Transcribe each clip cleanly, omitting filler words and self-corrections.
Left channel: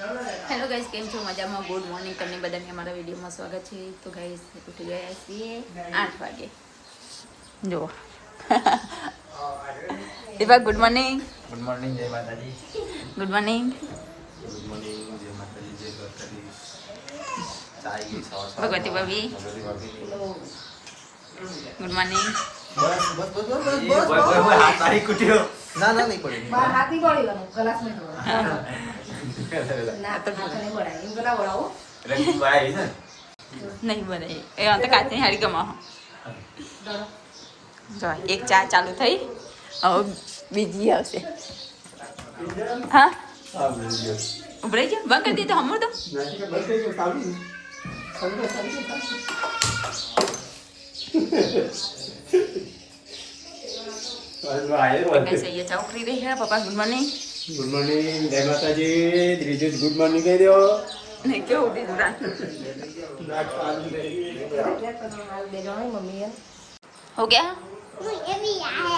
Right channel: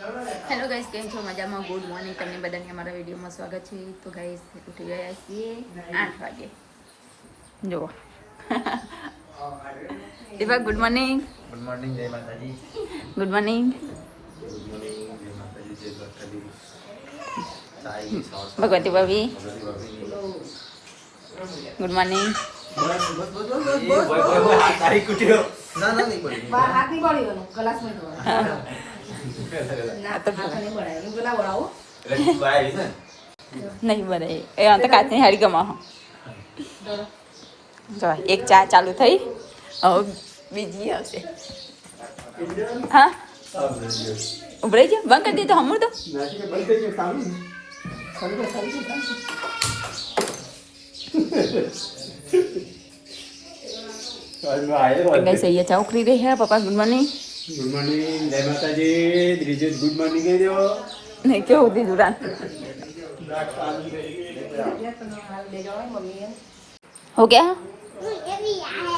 Hello guys, કેમ છો? મજામાં? ગુડ મોર્નિંગ તમને બધાને અમારા વિડીયોમાં સ્વાગત છે. તો ગાઈસ ઉઠી ગયા છીએ 8 વાગે. જુઓ Deepa, good morning. Good morning, જય માતાજી. Good morning. ગુડ મોર્નિંગ, જય માતાજી, જય દ્વારકાધીશ. ભગવતી ભાભી, ગુડ મોર્નિંગ. નહીં બને એ તો કાચની હારી ગમા. જો એક ચા ચાલુ થઈ, હવે બીજી આવશે. હા, ઉભરાઈ ગયો. બંધ કરી દે તો હમું તો કઈ સહી ચા ઉખરી ગઈ હે. પપ્પા ગુડ મોર્નિંગ. ગુડ મોર્નિંગ, જય માતાજી. ત્રીજું ગુડ મોર્નિંગ કહી દો. નહીં કેવું દીધું રાત हो गया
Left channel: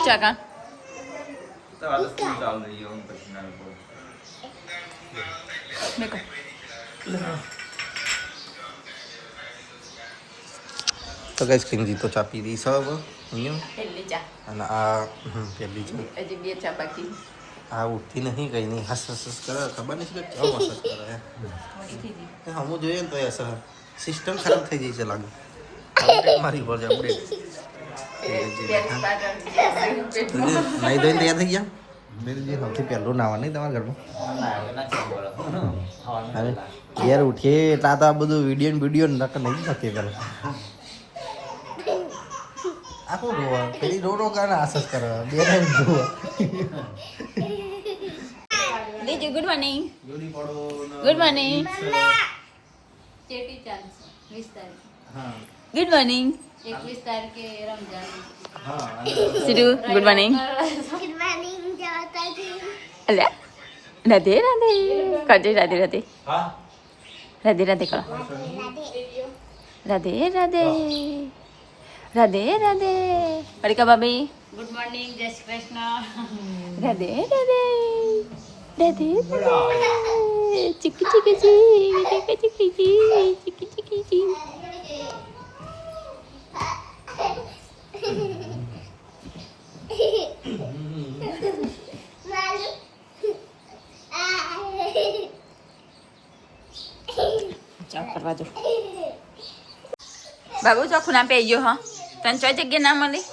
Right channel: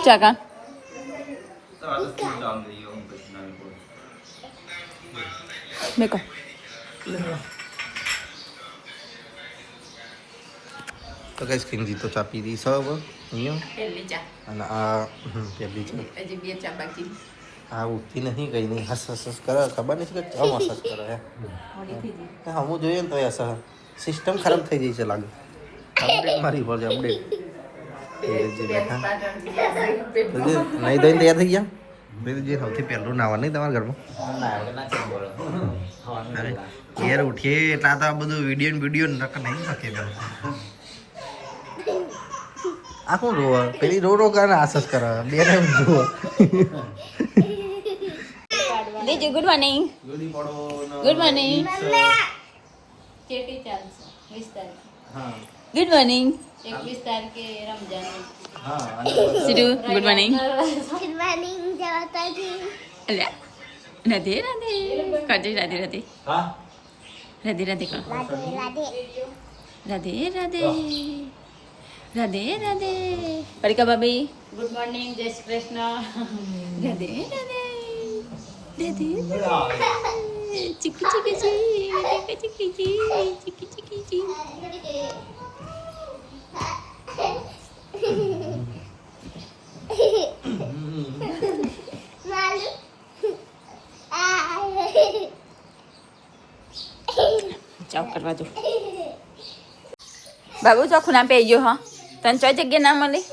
क्या का देखो તો ગઈ સ્કીન તો ચા પી દી સબ અહીંયા પહેલી ચા અને આ પેલી ચા હજી બે ચા બાકી આ ઉઠતી નહીં કઈ નહીં હસ હસ હસ કરે ખબર નહીં કે ચમ હસ હસ કરે થોડી થઈ ગઈ. હમું જોઈએ ને તો એ સિસ્ટમ ખરાબ થઈ ગઈ છે લાગે અપડેટ મારી પર છે અપડેટ બેઠા નહીં ધોઈને તૈયાર થઈ ગયા દીદી સૌથી પહેલું નાવા નહીં તમારા ઘરમાં યાર ઉઠીએ એટલા તો આ બધું વિડીયો નક નહીં નથી પેલા આ કોણ રોવા પેલી રો કારણે આસસ કરે બે ટાઈમ રોવા દેજો good morning. Good morning. Good morning. Sidhu good morning. Good morning, Jawataji. અલ્યા રાધે રાધે કરજે. રાધે રાધે રાધે રાધે કરો. રાધે રાધે રાધે રાધે. પરિકા ભાભી ગુડ મોર્નિંગ, જય શ્રી કૃષ્ણ. રાધે રાધે રાધે રાધે. ચીકી ચીકી ચી ચીકી ચીકી ચી ચીકી ચીકી ચી. ચાવ કરવા દો. બાબુ ચોખ્ખું ના પહેરી ગયો. હા, તને ચોઈ જગ્યા ના મળી.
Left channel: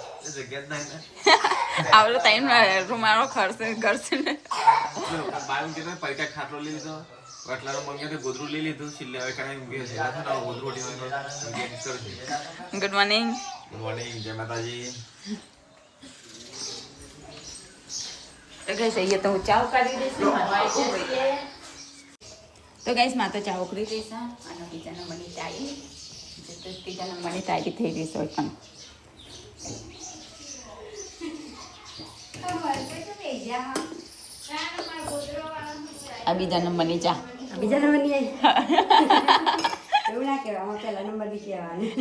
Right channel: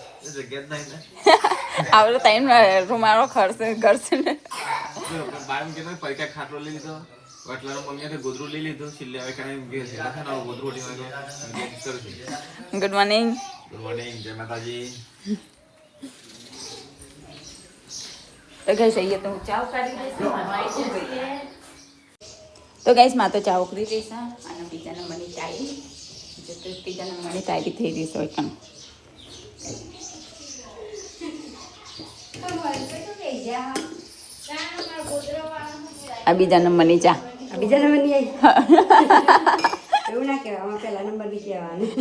આવડો ટાઈમ રૂમાળો ખર્ચ કરશે ને. Good morning. ગુડ મોર્નિંગ, જય માતાજી. તો ગઈશ અહીંયા તો હું ચા ઉકાળી દઈશ. તો ગઈશ માં તો ચા ઉકળી દઈશ. અને બીજા નંબરની ચાય ત્રીજા નંબરની તારી થઈ ગઈ હોય પણ આ બીજા નંબરની ચા. બીજા નંબરની આવી એવું ના કહેવાય, આમાં પહેલા નંબર બી કહેવાનું.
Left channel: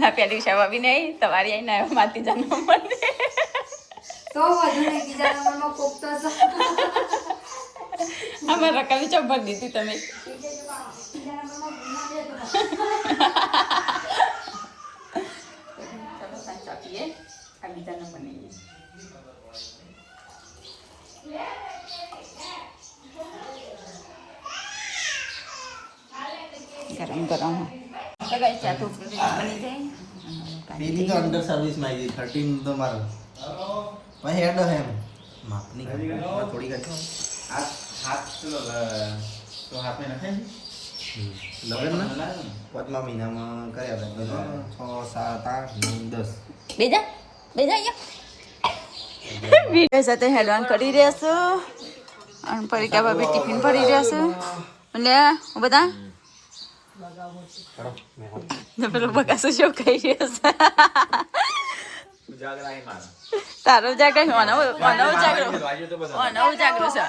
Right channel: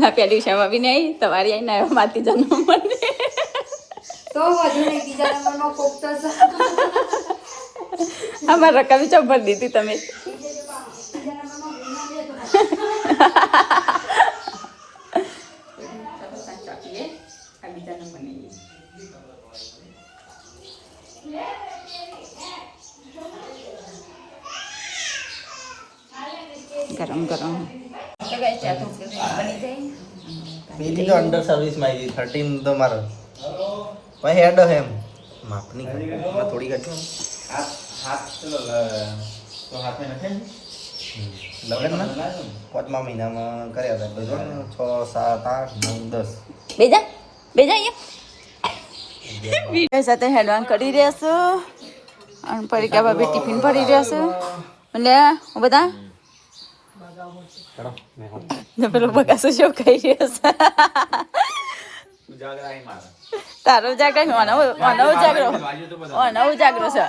ના પેલી ક્ષમા બી નહીં તમારી આવી ના માતી જન્મ તો વધુ નહીં, બીજા નંબરમાં કોક તો અમારા રકમ ચંપલ દીધી તમે. ચાલો સાંજ આપીએ. આ બીજા નંબરની ગરમ ગરમ ચા તો બની જાય. બેબી તો અંડર સર્વિસમાં આવી 13 તો મારો ભાઈ હેડ એમ માપની થોડી કાઢો લગ્નમાં 5મા મહિનામાં કર્યા હતા 6 7 8 9 10 બેજા બેજા અહીંયા વિડીયો સાથે હેડવાન કરી રહ્યા છું. અને પરિકા ભાભી ટિફિન ભરી રહ્યા છું. એટલે બધા પેલો બગાસો શું કહી રહ્યો છે. તારો જાગર અનવ જાગરો છે.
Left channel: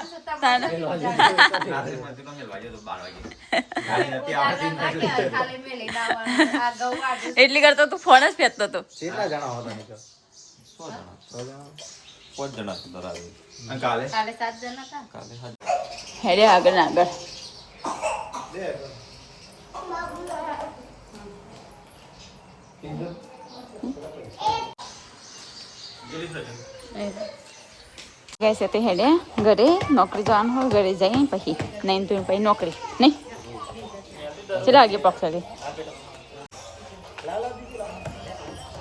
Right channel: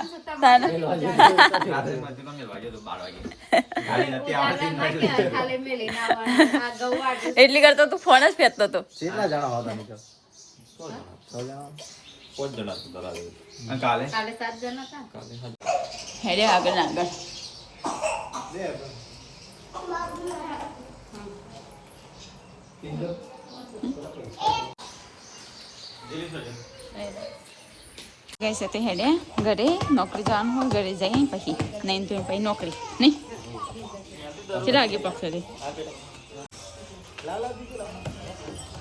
એટલી કરતો તું ફોન જ ફેંકતો હતો. હેડે આગળ ને આગળ ગઈ છે તે હેડે ઘરે નોકરી જવાનું હોય ઘરે જઈ પછી નહીં તો પછી નોકરી નહીં ચલા આગે પક્ષે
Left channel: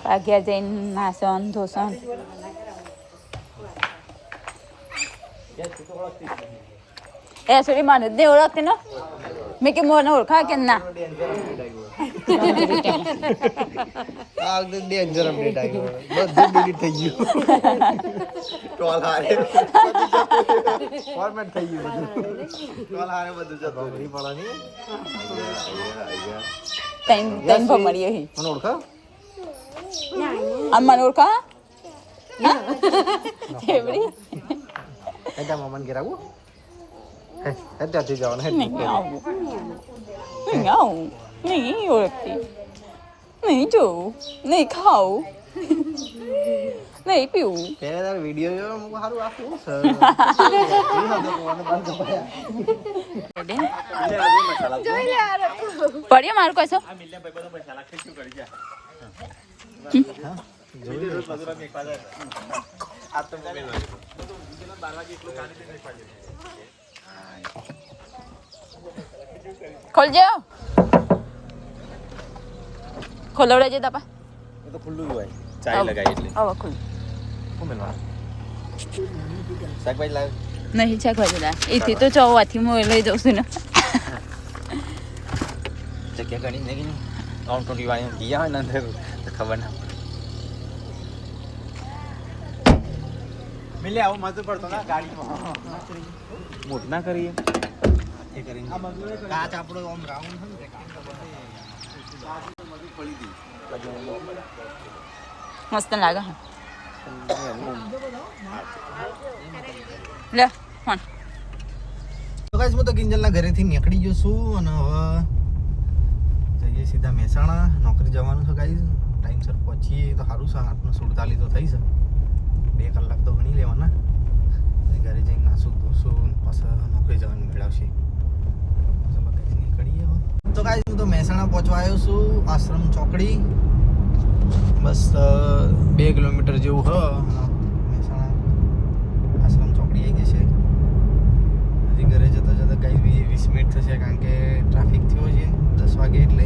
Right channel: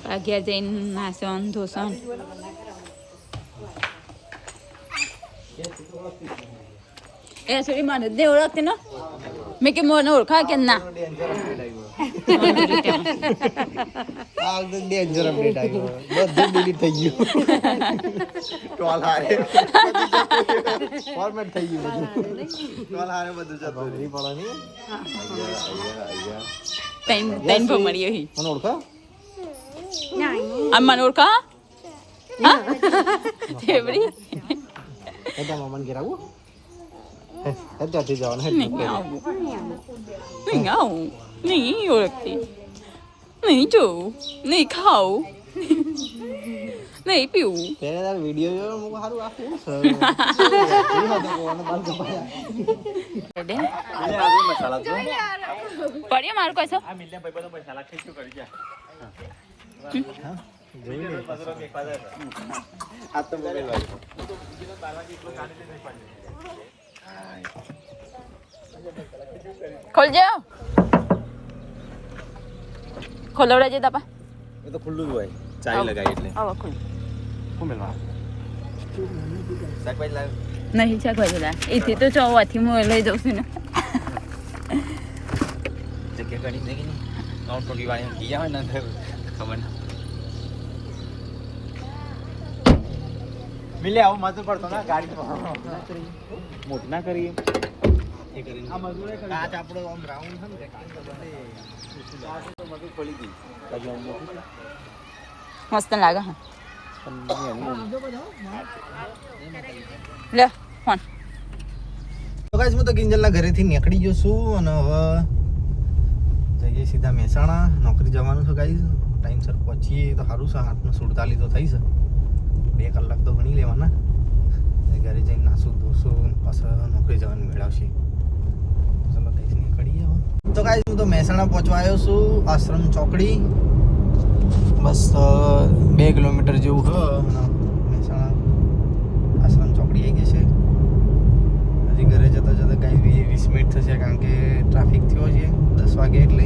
આગળ જઈને નાસન ધોસન એ સોરી માને દે ઓળખતી ને મેં કે મોને ઓળખા કે ના આ તો ડેન્જર અપડેટ આવ્યો બધું ડિલીટ થઈ ગયું ટોલ હારે ફોર્મેટ થઈ ગયું બધું ટોલ હારે બધું જતું નહીં પડવાની તૈન ભમરીઓ હી મને ઓળખા આ મને ઓળખા હા એવડી એટલે મોમન ઘેર આવું હે ત્યાંથી જવાનું હે નહીં આવું નહીં આવું નહીં ઓળખતી નહીં જોવું નહીં ખાવું નહીં પીવું પહેલા વિડીયો જોયો મુક સારું આપ્યું સર પડ્યો મારું કશો ખોલજો ખોલવડાજે તાપા એ તો ખુલ્લું હોય ચાય લગાવી એટલે આવો ખોલ શાકભાજી લાવ નહીં શાકભાજી લા એથી તો ચોવાથી હું લઈ જાઉં છું ને જગ્યા ઘણી જગી ને આઉટ ટોરી વાળી ગયા હોય ને ખબર ના મિલે આવું મજૂર પડતો ને ગાડી મોટ ના કરીએ એ કરીને કાચ આપણો આમ રાઉન્ડ છે ને રેક્ટેંગલ બધે મજૂર પડી ગઈ મસ્ત લાગે હા લે ફોન તો ગાઈસ હું તો કિંજલના ઘરેથી નીકળી ગયો છું અને હવે જઈએ સીધા મહેસાણા નોકરી જવાનું છે ગાઈસ ટાઈમસર પહોંચીએ તો સારું છે 8:47 તો થઈ છે 2 કલાક તો ગણી લેવાના ઘરે જઈને નાસું ધોશું પાછા નોકરી જવાનું મેળવશે ચલો ગાઈસ નીકળીએ હવે તો ગાઈસ હું તો મહેસાણા પહોંચવા આવ્યો છું આશ્રમ ચોકડી બસ 2 કિલોમીટર જેવું હ મહેસાણા આશ્રમ ચોકડી આવી ગઈ છે હજી ઘરે જતા જતા કાંઈ 20 મિનિટ થશે કારણ કે ટ્રાફિક થયો છે 10 વાગે એટલે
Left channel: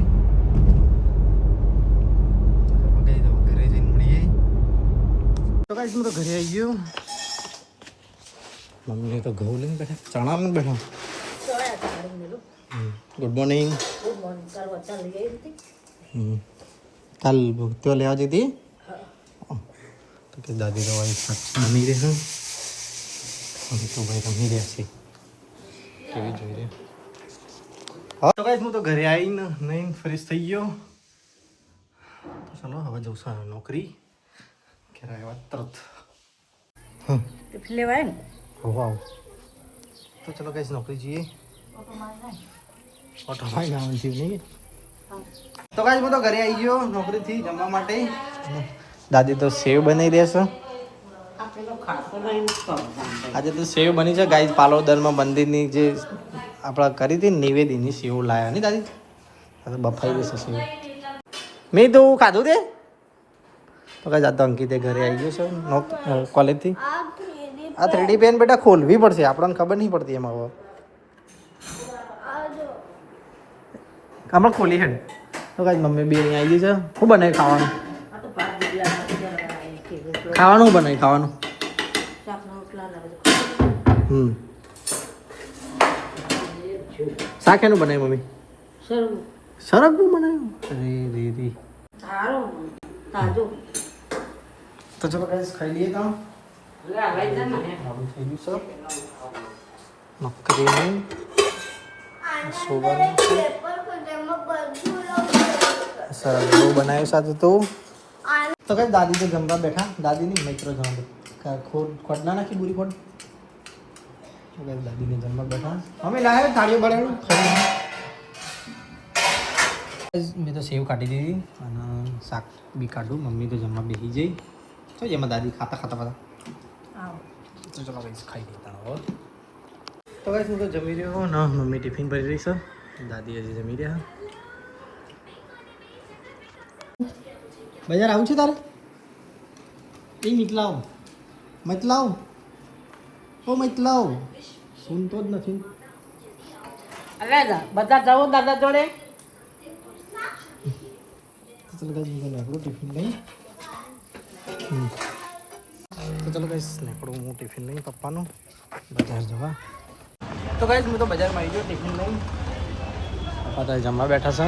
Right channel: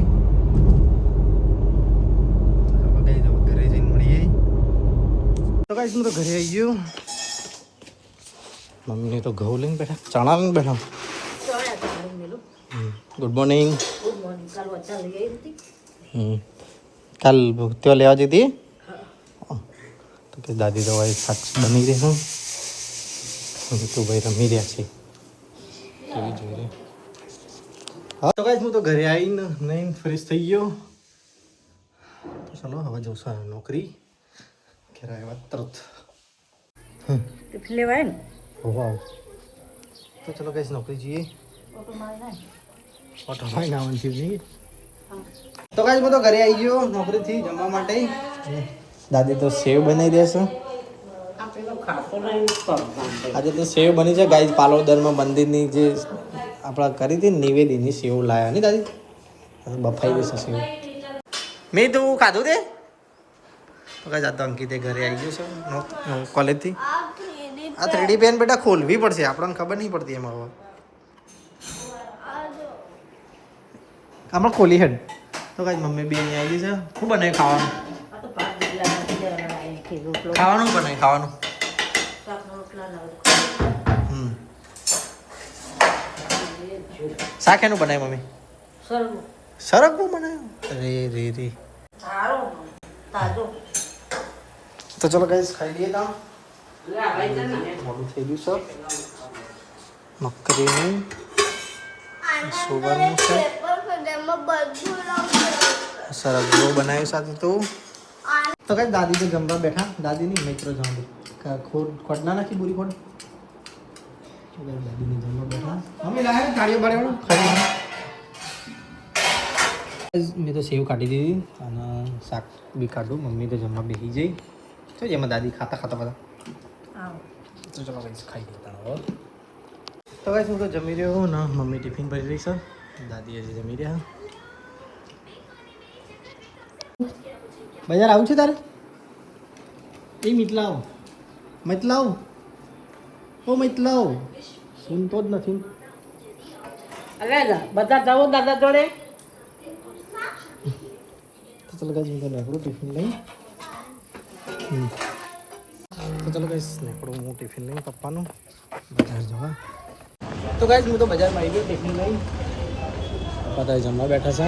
ઘરે જઈને મળીએ તો ગાઈસ હું તો ઘરે આવી ગયો મમ્મીને તો ઘઉં લઈને બેઠા ચણા લઈને બેઠા ગુડ મોર્નિંગ કાલ ત્યાં લેવા જતી તો કે દાદી તો ભાઈ સાચ બની રહે હું રમી રહ્યા છે કેવી જોઈ રહે હા તો ગાઈસ હું તો ઘરે આવીને નહીં ફ્રેશ થઈ ગયો તો ચલો હવે જઉં છું નોકરી ઘરે આવ્યા તરત લેવાય ને વાવ તો ચલો ગાઈસ નોકરી જઈએ ઓટોમાં નાવાનું થયું નહીં તો ગાઈસ હું તો ઘરે આવી ગયો નોકરીથી જમવા માટે દાદી તો સેવ બનાવી દેશે આજે તો સેવ બની છે ગાઈસ પાલોદરમાં મંદિરની જે આપણા કરી હતી નિવેદીની સેવ લાયા નહીં દાદી બફાઈ દેશે સેવ મેં તો ખાધું તે તો ગાઈસ આ તો અંકિતે ઘરે આવી ગયો છે કોલેજથી આ 3D પેન બેટા ખોલવી પડશે આપણને ખબર નહીં પડતી એમાં હવે હમણાં ખોલી હેડ તો કાંઈ મમ્મી બે આવી ગઈ છે શું બનાવી ખાવાનું ખાવાનું બનાવી ખાવાનું શાક એનું બનાવ્યું મમ્મી સરગવું બનાવ્યું રે રે રે તો ચલો કઈ ખાઈ લઈએ તા મોડું થઈ ગયું છે મકરીનું સોવાનું છે સરગવો બનાવ્યો સાથે તો કઈ દાદી તો જમવા બેઠા દાદી ની મિત્રો જવાનું ખોટ ના નાખી બુરી ખોટ દાદીને જમવા બેઠા અમે લાવે થાળીઓ બનાવ્યું મેં તો સેવ કાઢી દીધી અને શાક બી કાઢું મમ્મી તો જમવા બેસી જઈ તો જેમાં દાદી ખાતા ખાતા બધા તો ચલો કઈ ખાઈ લેતા હવે તો કઈ હું તો જમી રહ્યો ના મમ્મી ટિફિન ભરી રહી છે દાદી હજી જમી રહ્યા. બજાર આવું છે તારે? એ મિતલાવ ઓ મિતલાવ સુનતો જ નથી. અરે બધા જાઓ દાદા જોડે. તો ચલો ગાઈસ મેં આપણું ટિફિન લઈ તો ચલો ગાઈસ આપણું હું ટિફિન લઈ પપ્પાનું બજાર જવા. તો ગાઈસ હું તો બજારમાં આવી ગયો ટિફિન લઈ. પપ્પા તો જમવા બેઠા છે.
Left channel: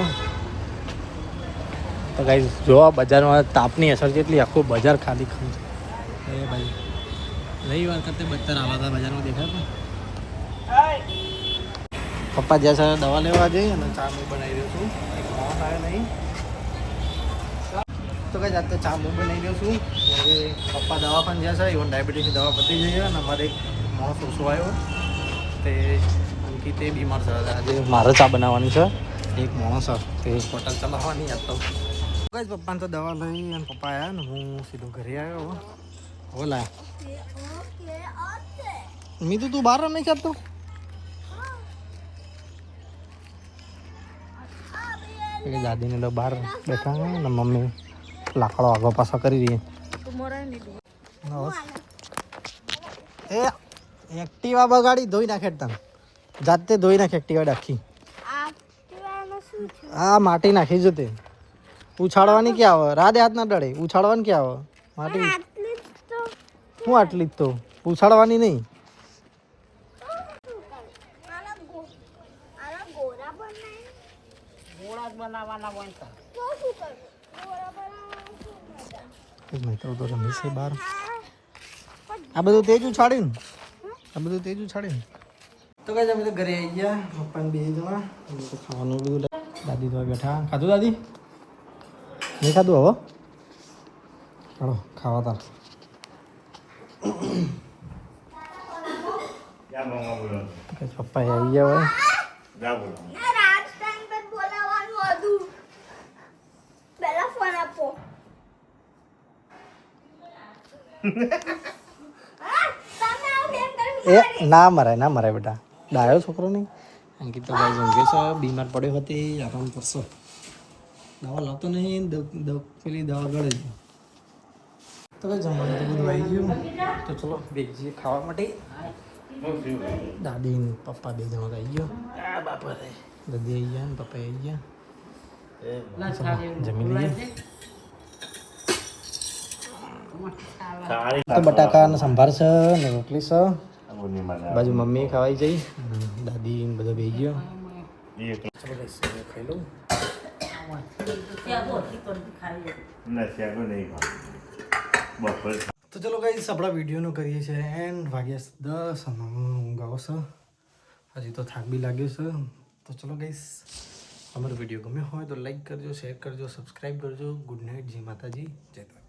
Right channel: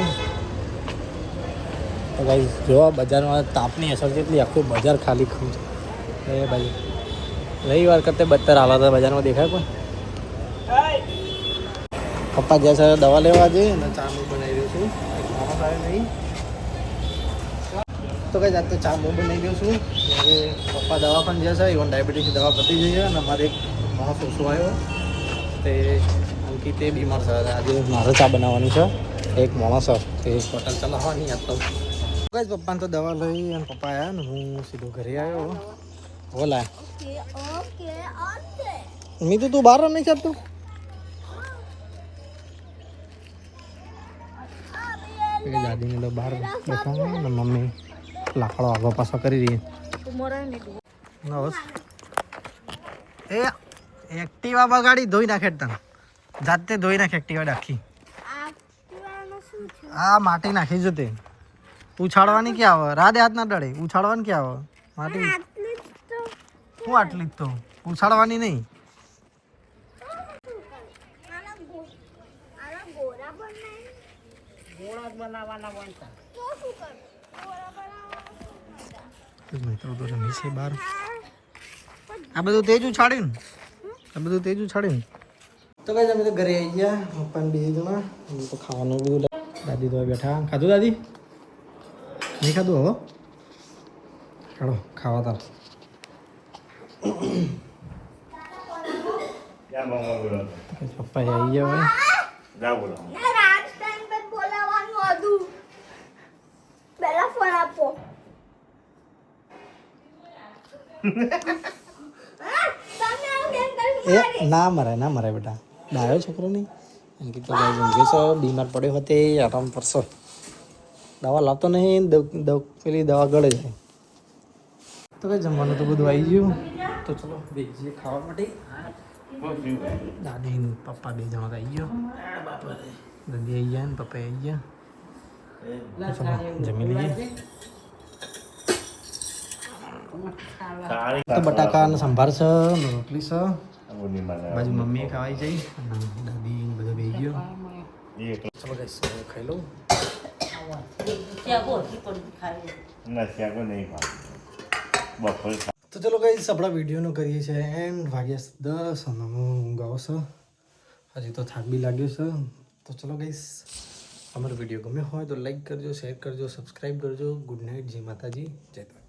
તો ગાઈસ જો બજારમાં તાપની અસર કેટલી, આખું બજાર ખાલી ખમ છે. એ ભાઈ રવિવાર કરતાં બદતર હાલત બજારમાં દેખાય પણ. પપ્પા જ્યાં સર દવા લેવા જઈએ અને ચા હું બનાવી દઉં છું. એક માણસ આવે નહીં તો કઈ જાત તો ચા હું બનાવી દઉં છું. હવે પપ્પા દવાખાને જ્યાં છે ઇવન ડાયાબિટીસની દવા પતી જઈએ અને અમારે એક માણસ ઓછો આવ્યો તે અંકિત એ બીમાર છે. આજે મારે ચા બનાવવાની છે. એક માણસ તે હોટલ ચલાવવાની આજ તો કઈ પપ્પાને તો દવા લઈ અને પપ્પા આવ્યા ને હું સીધો ઘરે આવ્યો. ઓલા મી તો તું બહાર નહીં ચાલતું. દાદીને તો બહાર બેઠા ને મમ્મી લાકડો આગો પાછો કરી રહી. એ એક્ટિવા બગાડી ધોઈ નાખે તને જાતે ધોઈ નાખે એક્ટિવા આખી. હા માટી નાખી જતે ઉછાળવાની ક્યાં આવે? રાધે હાથ ના ડળે ઉછાળવાની ક્યાં આવે? માટી હું આટલી જ તો ઉછાળવાની નહીં. બનાવવાના બનતા બહાર આ બધું તેજ ઉછાડીને તો કઈ અમે તો ઘરે આવી ગયા. પપ્પાને બે જણા તો ખાવાનું બધું દાદી તો બેઠા. ખાધું દાદી? નહીં ખાધું? હવે ચાલો ખાવા તાર. પપ્પા આવી ગયા હોય. એ ના મરાય બેટા, ડાયો છોકરો નહીં. અંકિત તો ભાઈ ઊંઘે છે, બીમાર પડ્યો હતો આરામ કરશો. દવા લાવતો નહીં, પેલી દવા ગળે જાય. તો કઈ જમવાનું તો બધું આવી ગયું. તો ચલો બેસીએ ખાવા માટે. દાદી પપ્પા બે જણા આવી ગયો. દાદી આવી ગયા ને પપ્પા આવી ગયા. જમી લઈએ. તો બટાકા ને સંભાર છે ને રોટલી છે. બાજુ મમ્મી ખાવાઈ જઈ, દાદી બધો બે ગયો. ચલો ગાઈસ ખાઈ લઉં. તો ચલો ગાઈસ આપણા વિડીયોનું કરીએ છીએ એન્ડ. વાગ્યા 10 અને હું ઊંઘાવો છે. હજી તો થાક બી લાગ્યો છે. તો ચલો ગાઈસ અમારો વિડીયો ગમ્યો હોય તો લાઈક કરજો, શેર કરજો, સબસ્ક્રાઈબ કરજો. ગુડ નાઇટ, જય માતાજી, જય દ્વારકા.